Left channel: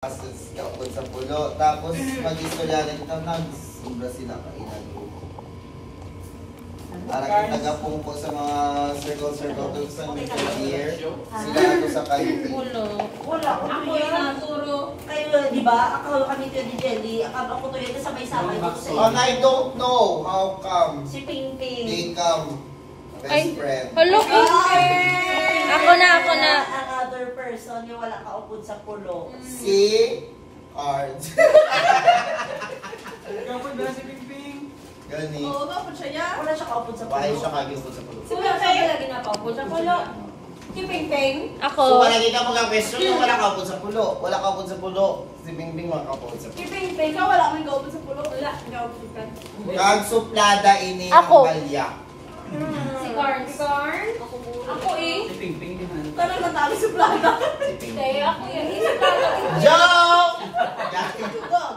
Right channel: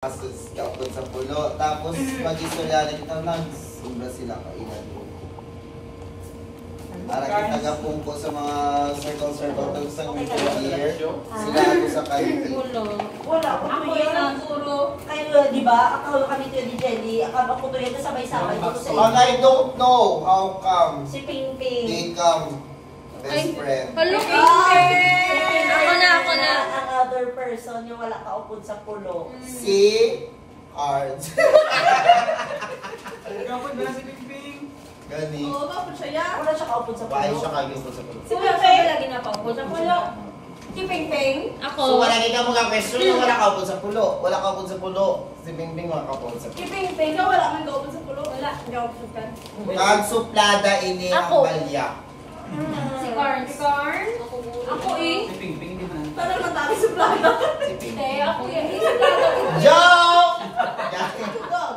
Asus kaupod sa pulo. Tapos mag-istorya na ito, nag-sobra sila kainan ko. Ara kita gapong ko sa mga circle to sa year. Sila ako sa kayo. Wala ko ako yung puro. Kayo, di ba? Ako kami to ni Jelly. Ako to yun sabay-sabay dito sa And I don't know how come si Ping Ping. they come best friend. Hello, Ako na. Another person yung wala kaupod sa pulo. Si Cards. Kapag ba si Ping Ping? Gani. Oo, bakit siya yan? Wala siya kaupod sa Why pulo. siya kagiupod sa pulo? Si Ping Ping lagi na pa sa pulo. Si Ping Ping? Ako. So wala kita mga question yung wala kaupod sa pulo. Wala kaupod sa pulo. Si Bing Bing wala kaupod sa Si pulo. Ping Ping? Ikaw wala kang gaupon sa pulo. Wala. Hindi ako sukan. Kagsuplada ini ang Ako. balyak. Si Carn. Si Carn? Ako eh. Si Ping Ping din na. Para matami sa plata. Si Bing Hindi, Bing. ako yun. Isa plata. Joke!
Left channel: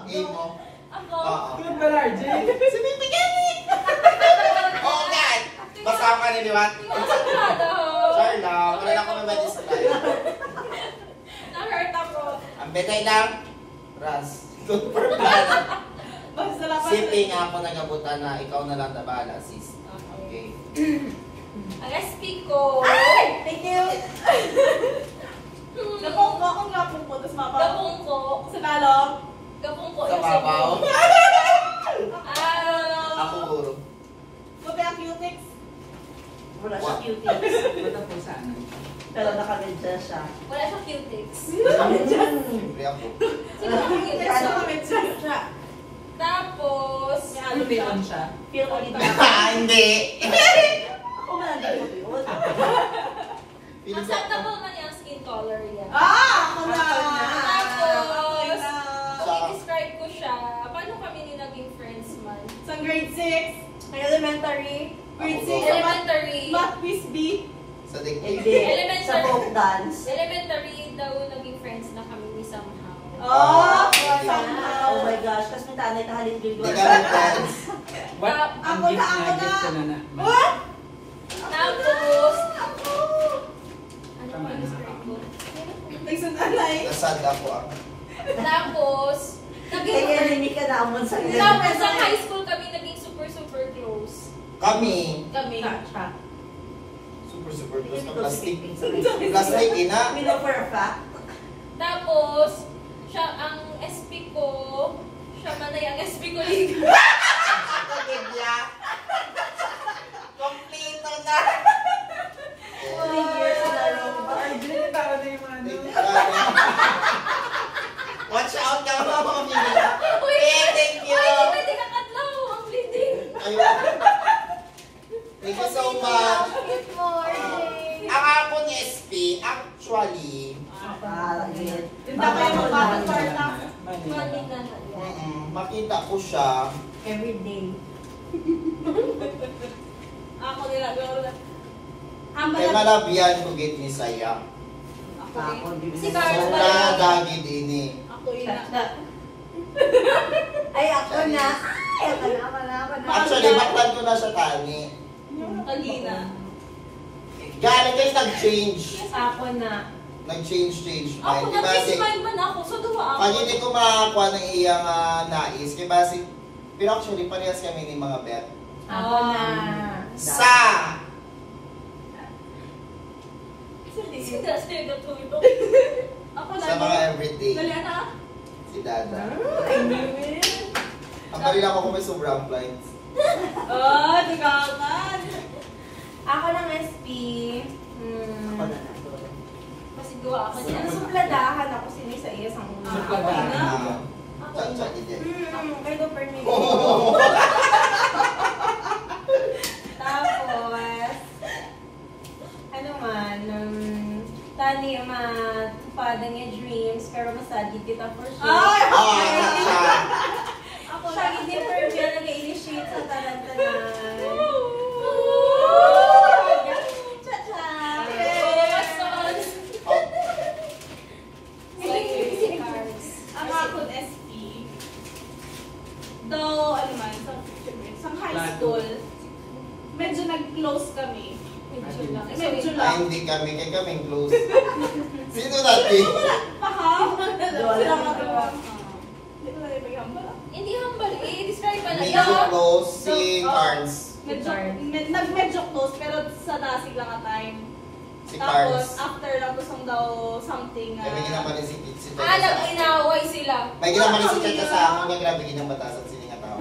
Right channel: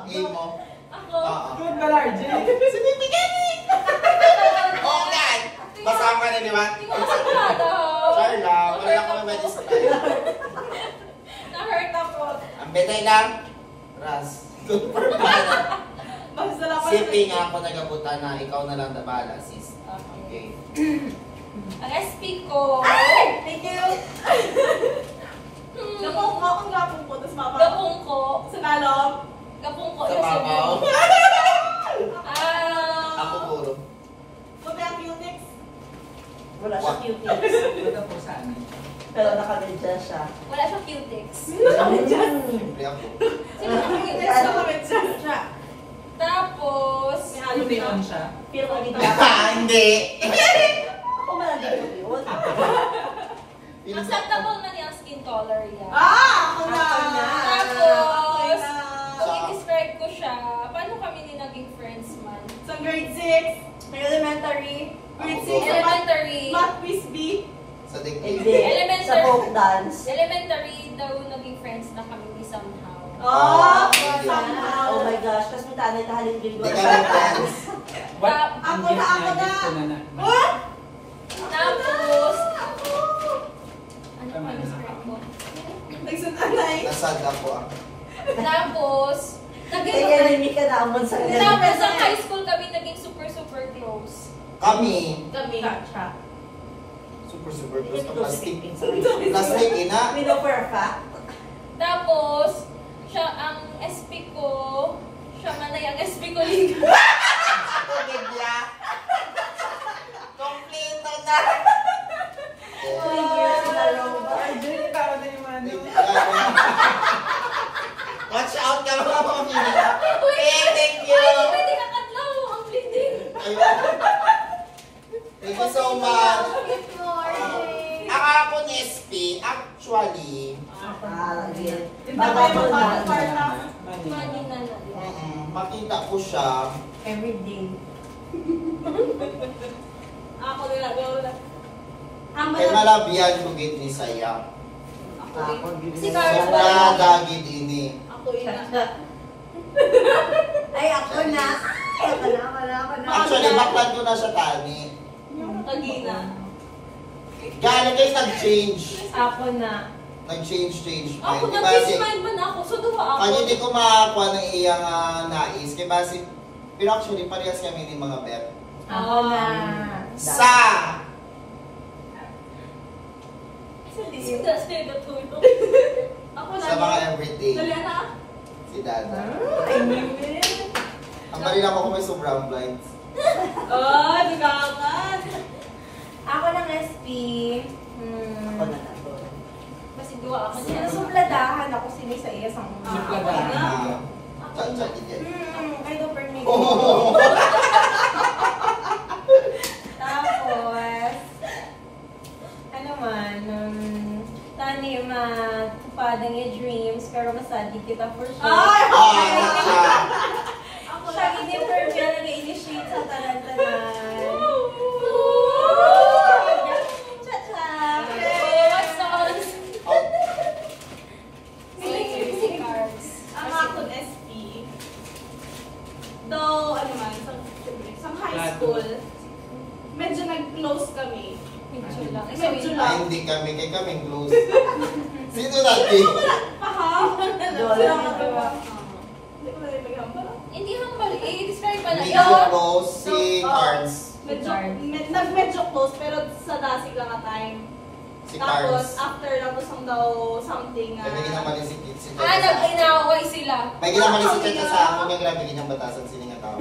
Game mo. Ako. Oo. Good ba, RJ? Si Bing Bing gani! Oh God! Basama na naman. Hindi ko sa plata. Sorry lang. Wala lang kami ba sa tayo. Na-hurt ako. Ang betay lang. Ras. Magsalamat. Siping ako nagabutan na ikaw na lang tabala, sis. Okay. Ang SP ko. Ay! Thank you! Gapong ko. Akong gapong ko. Tapos mabaw. Gapong ko. Sa balong. Gapong ko. Sa babaw. Ako puro. Mabi ang Qtex. Wala siya cutie. Wala po saan? Pero nakagadya siya. Wala siyang Qtex. Siyempre ako. Sino ang Qtex? Nakamit siya. Tapos, Lumion siya. Feel ko dito. Hindi. Ako malandin ko yun. acceptable man yung skin color yan. Ako na! Tapos, i-describe ko siya. Paano kami ni naging friends man? Sa grade 6, Elementary. grade Ako 6, Elementary. math quiz B. Sa digdig. Hindi. Elementary. Sa folk dance. Elementary daw naging friends na kami ni somehow. Ah, Somehow. Oh my gosh, kasi may tanay tahalin din Hindi kami friends. What? Ang Ako gift na, na, ako gift ko na na. What? Tapos, ano Tama pa na. describe ko? Nagsundan na eh. Nasad ako ang. Tapos, Kaya enemy ka na amon sa tapos sa high school kami naging super close. Kami. Kami. Super close ka plastic. Plastic. Plastic, ina. We know for a fact. Tapos, siya ang SP ko, siya man ay ang SP ko liga. Ako gidya. Kompleto na. 3 years in a row. RJ, tama na yung ano. Watch out ka mga pamilya. Thank you. Pwede ka katlaw ang bleeding. Ayun. Thank you so much. Good morning. Ang ako ni SP, actually, Yung tayo magpapakwarta. Money na na yan. makita ko siya. Every day. Ako nila, gawin na. Kay malabihan ko gid ni Saya. Ako din. Si So Carl na ba? dagid ini. Ako ina. Ay, ako na. Ay, ako na. Actually, baklan ko na siya tani. Tagina. Galing guys, nag-change. Ako na. Nag-change Ako mind. na, Diba peace si... mind man ako. So, duha ako. Pag hindi ko makakuha ng iyang nais, kaya basi... Pero actually, parehas kami ni mga bet. Ako na. Sa... Sino sino tulog? Ako na. Sa mga everyday. Dali na. Si Dada. I knew it. Ang bali lang ako may sobrang blind. Oh, di ka agad. Ako ng SP. Ako na. Kasi duha ako niya. Supladahan ako sinay sa iya sang una. Supladahan. Cha-cha din. Kay do per minute. Oh! Tapos, ano man, tani matupadan yung dreams, pero masadi kita for sure. Ay! Ako lagi ni Perbia nag-initiate sa talantanan. Cha-cha! Ang ako SP. Though, ano man, sa high school, medyo nag-close kami. Medyo lang. Medyo Ay, lang. hindi kami. Kaya kami close. Sino natin? Pa ha? Dole. Hindi ko na yung maghambal. Hindi humble eh. Describe pa na. Medyo close si Cards. Medyo close, pero sa dasig lang ang time. Si Tapos, Cards. after lang tusong daw something May ginaman si Tita nag-inaway sila. May ginaman si Tita sa akin niya, grabe ginang batasan sininga tao.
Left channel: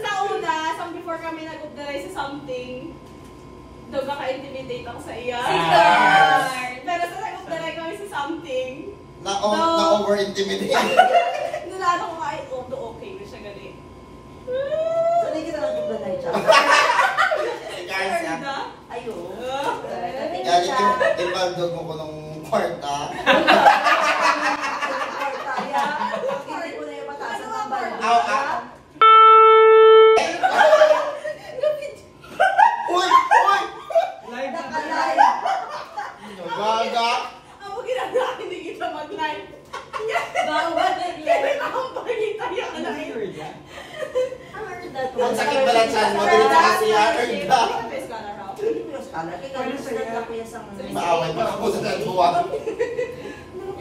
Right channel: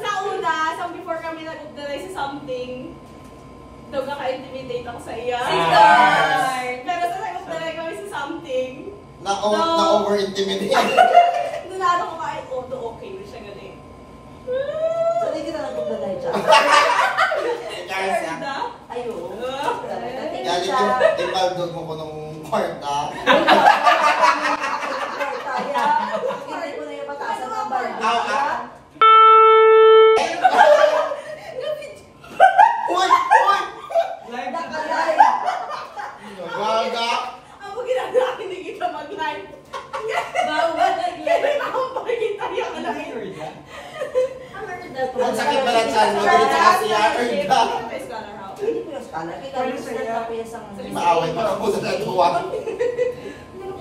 Sa una, before kami nag-updrive sa something, daw kaka-intimidate ako sa iya. Pero sa nag-updrive kami sa something, Na-over-intimidate. nalala ko kahit okay na siya galing. Sanay kita lang kung dahil siya. Cards ah. Ganda. Ayun. Galing yung timbaldog mo ko nung kwarta. Kaya, hindi ko na yung patasan ng bala. Aw, ah. Uy! Uy! Live na Nakalive. Gaga! Ang mga ginagawa, hindi kita mag-live. Bago ba nag-live? Ang pagkita yung alam. Ang sakit pala dyan mo, ganito kasi yan. Hindi ko yung scholar. Kaya yung scholar ko yung sang... Maaway pa ako sa natuwa.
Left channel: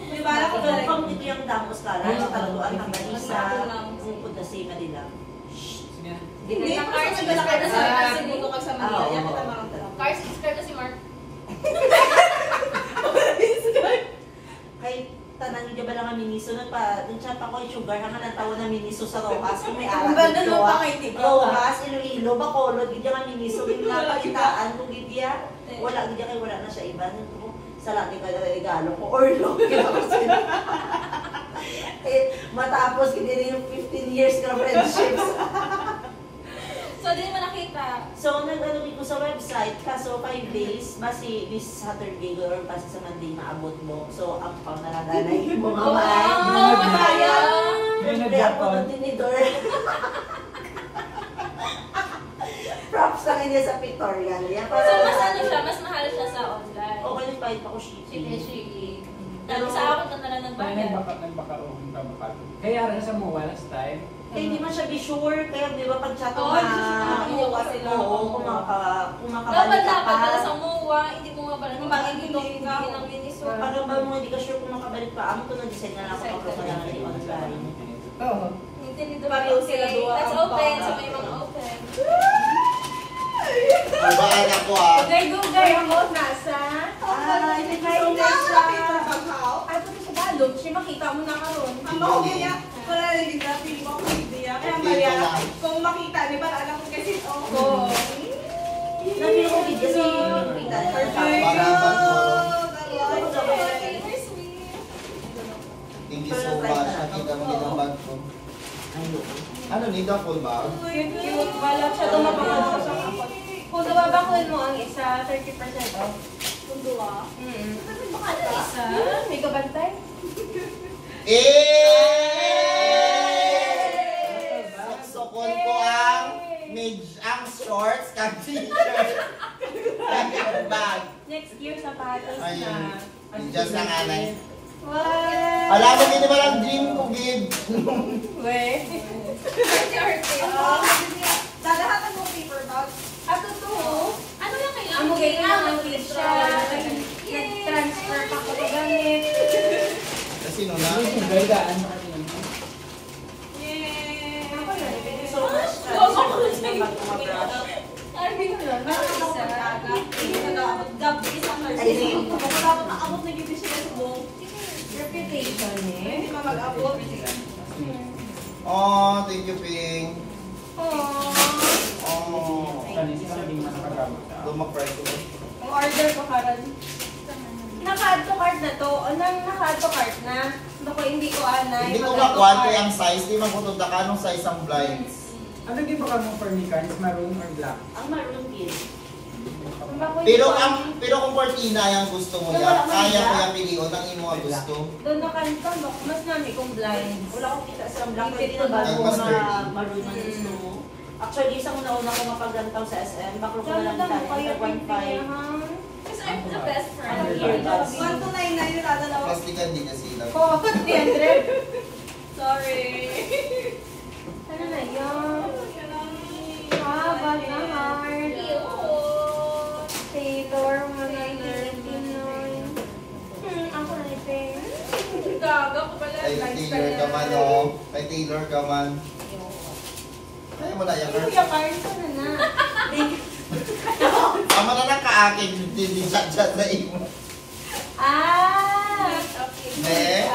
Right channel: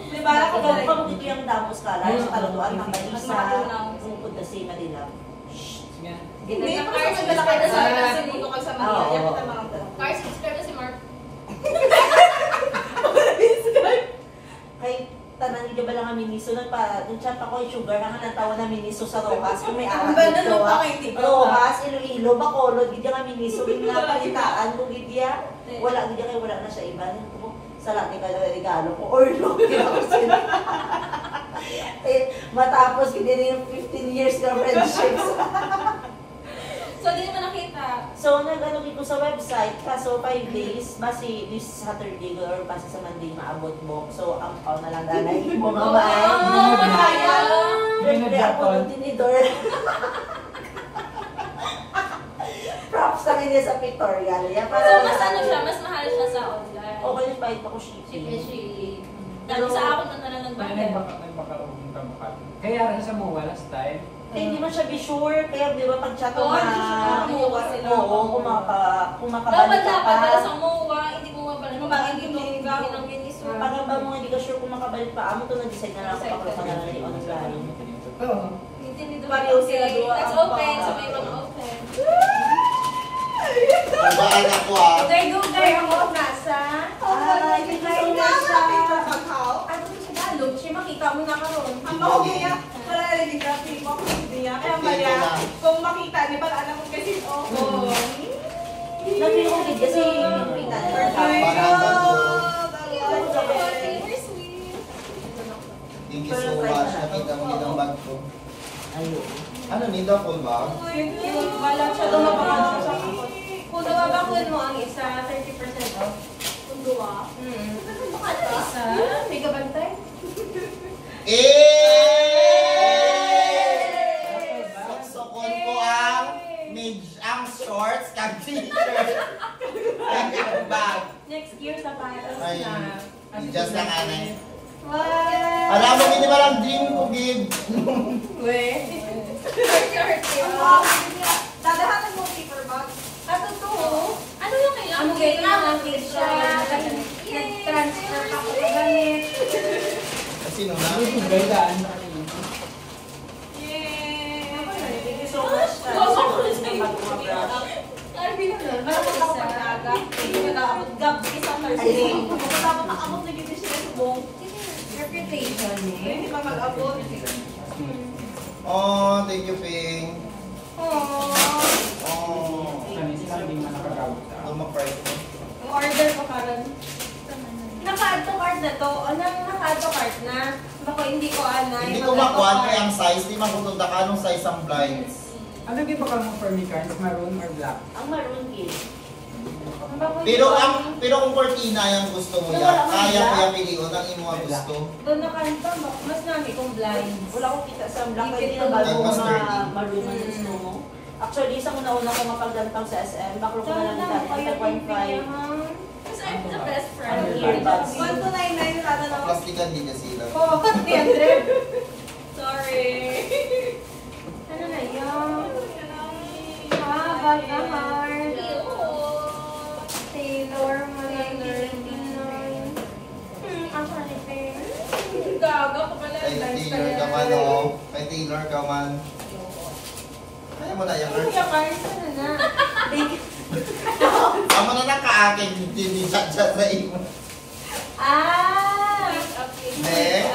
Di ba? Ako Ikaw galing. pang hindi yung damo scholar. Sa kaluduan ng Kalisa. Sipod kasi Manila. Sige. Hindi pa kasi malaki na sa kasi buto ka sa Manila. Oo. Yan kita mga tanong. Cars, subscribe na si Mark. Kay tanan hindi ba lang ang miniso nun pa nung chat ako yung sugar ang natawa na miniso sa Rojas kung may Ang araw banda nung pa kay TikTok, Rojas, Iloilo, Bacolod, hindi nga miniso din nga palitaan kung hindi wala hindi kay wala na siya iba nito sa lahat ka na regalo ko or no matapos hindi rin yung 15 years na friendships. So, di naman nakita. So, nag-ano ko sa website, kaso 5 days, basi this Saturday or basi sa Monday maabot mo. So, ang pao na lang danay mo nga ba? Siyempre ako ng tinidor. Props lang niya sa pictorial. So, mas ano siya, mas mahal siya sa online. Okay, nag-fight ako shipping. Shipping. Dami sa akin na lang nagbayad. Nagbaka-uwing ka baka. Kaya rin sa MOA last time. Eh, hindi man siya be sure, kaya di ba pag chat ko Oo, na, susubukan sila. oo, Dapat kumakabalik ka pa. dapat sa MOA, hindi mo mabalik. Bakit Hindi hindi ka? ng biniso. Parang ba mo hindi ka sure kung makabalik pa, amo to nag-decide na lang ako Decide pag ka na na. lang online. Oo. Nintendo Pareho sila okay. doon. That's open, so may mga open. Babaan ako ah. Dugay ako nasa. Ay, thank you so much. Ato to sa balog, siya makita mo na karon. Ang mahuli niya, wala nalaging ka, feeling ko hindi niya. Kaya Dito maya, lang. kung makita, di ba alam ko kasi, oh. Nabili ko video kasi yung kita niya. Pangalan ko. We're sweet. Thank you so much. Nakita mo ginambag ko. Ayun. Ano, need a full bag? Wala siya dumabang sa kapot. Kung nababakul mo ang isa, 30% off. Kung duwa. Ano isa? May kabantay? Sukol ko ang shorts, kag t-shirt, kag bag. Next year, sapatos Ay, na. just ang anay. What? Alam mo, hindi ba lang dream ko, gid? Dadahatan mo paper bag. At totoo, ano lang kailangan? Ano kailangan? Siya, nag-transfer pa ko gamit. Kasi nung na. Gandaan pa rin. Yay! Ako yun, thank you so much. Ay, binulan. Meron ako pag-aga. Hindi na dapat gabi sa Thursday. Kung dapat nakabot na gito siya sa buong. Reputation Hindi eh. pa mag-abot. Oh, thank you, Ping. Aww. Oh. Kanina hindi man nakagamit. Lumak-fry ko. Order ko karon. Naka-add to cart na to. O nang naka-add to cart na. Bako hindi ko anay. Hindi ko makuha kaya ang size. Hindi man ko ito anong size ang blinds. Ano ba ka mo for me, Carnes? Maroon or black? Ang maroon kid. Pero kung cortina yung gusto mo yan, kaya ko yung pilion ang imo ang gusto. Doon nakanta, mas nami kong blind. Wala akong kita sa black, Ipit hindi na na bago Mas mga dirty. maroon na gusto mo. Actually, isang una-una ko mapagdantang sa SM, baklo ko na lang Ganda kita, kaya 1.5. Because I'm the best friend. Earbuds. 1299 kada lang. Plastikan din niya sila. Oh, 300. Sorry. Ano na yun? Bag na heart. Taylor, 199. Ako na ni Peng. Gaga ko pala. Kay Nice Taylor ka man, oh. Kay Taylor ka man. Kaya mo na yan, Kurt. Kuya Carl, sana na. Tama na lang ka-akin, hindi chat sa imo. Ah! Ne?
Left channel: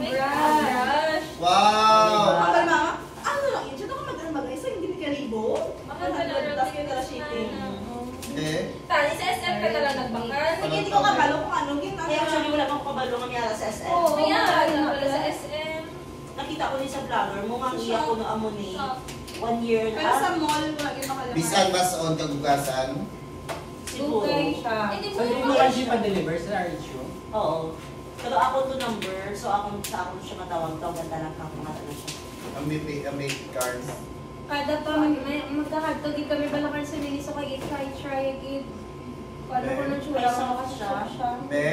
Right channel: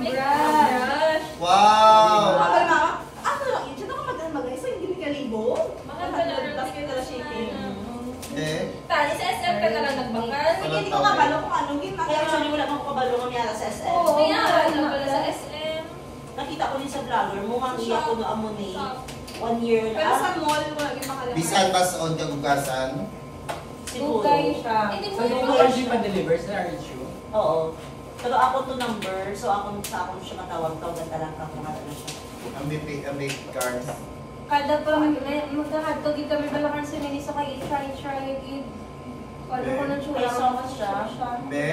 Brush. Wow! Ang mama, ano lang yun? Diyan ako mag-isa, hindi ka libo. Mahal pala Tapos ka na shipping. Eh? Tali, sa SM ka na lang nagbangkas. Sige, hindi ko kabalo kung anong ginagawa. Kaya actually wala akong kabalo mamaya sa SM. Oo, kaya na pala sa SM. Nakita ko din sa vlogger mo, nga iya ko no amo ni Shop. 1 year Pero sa na. mall, wala yung makalala. Bisan bas on kagugasan? Siguro. Dugay siya. Hindi So, hindi mo kasi pa-deliver sa RHU? Oo. Pero ako to number, so ako sa ako siya matawag-tawagan talaga ako nga ano siya. Ang may cards. Kada pa magkakadkagi kami balakan sa mini so kay try agad. Ano ko nang Ay, chula sauce siya. Ne?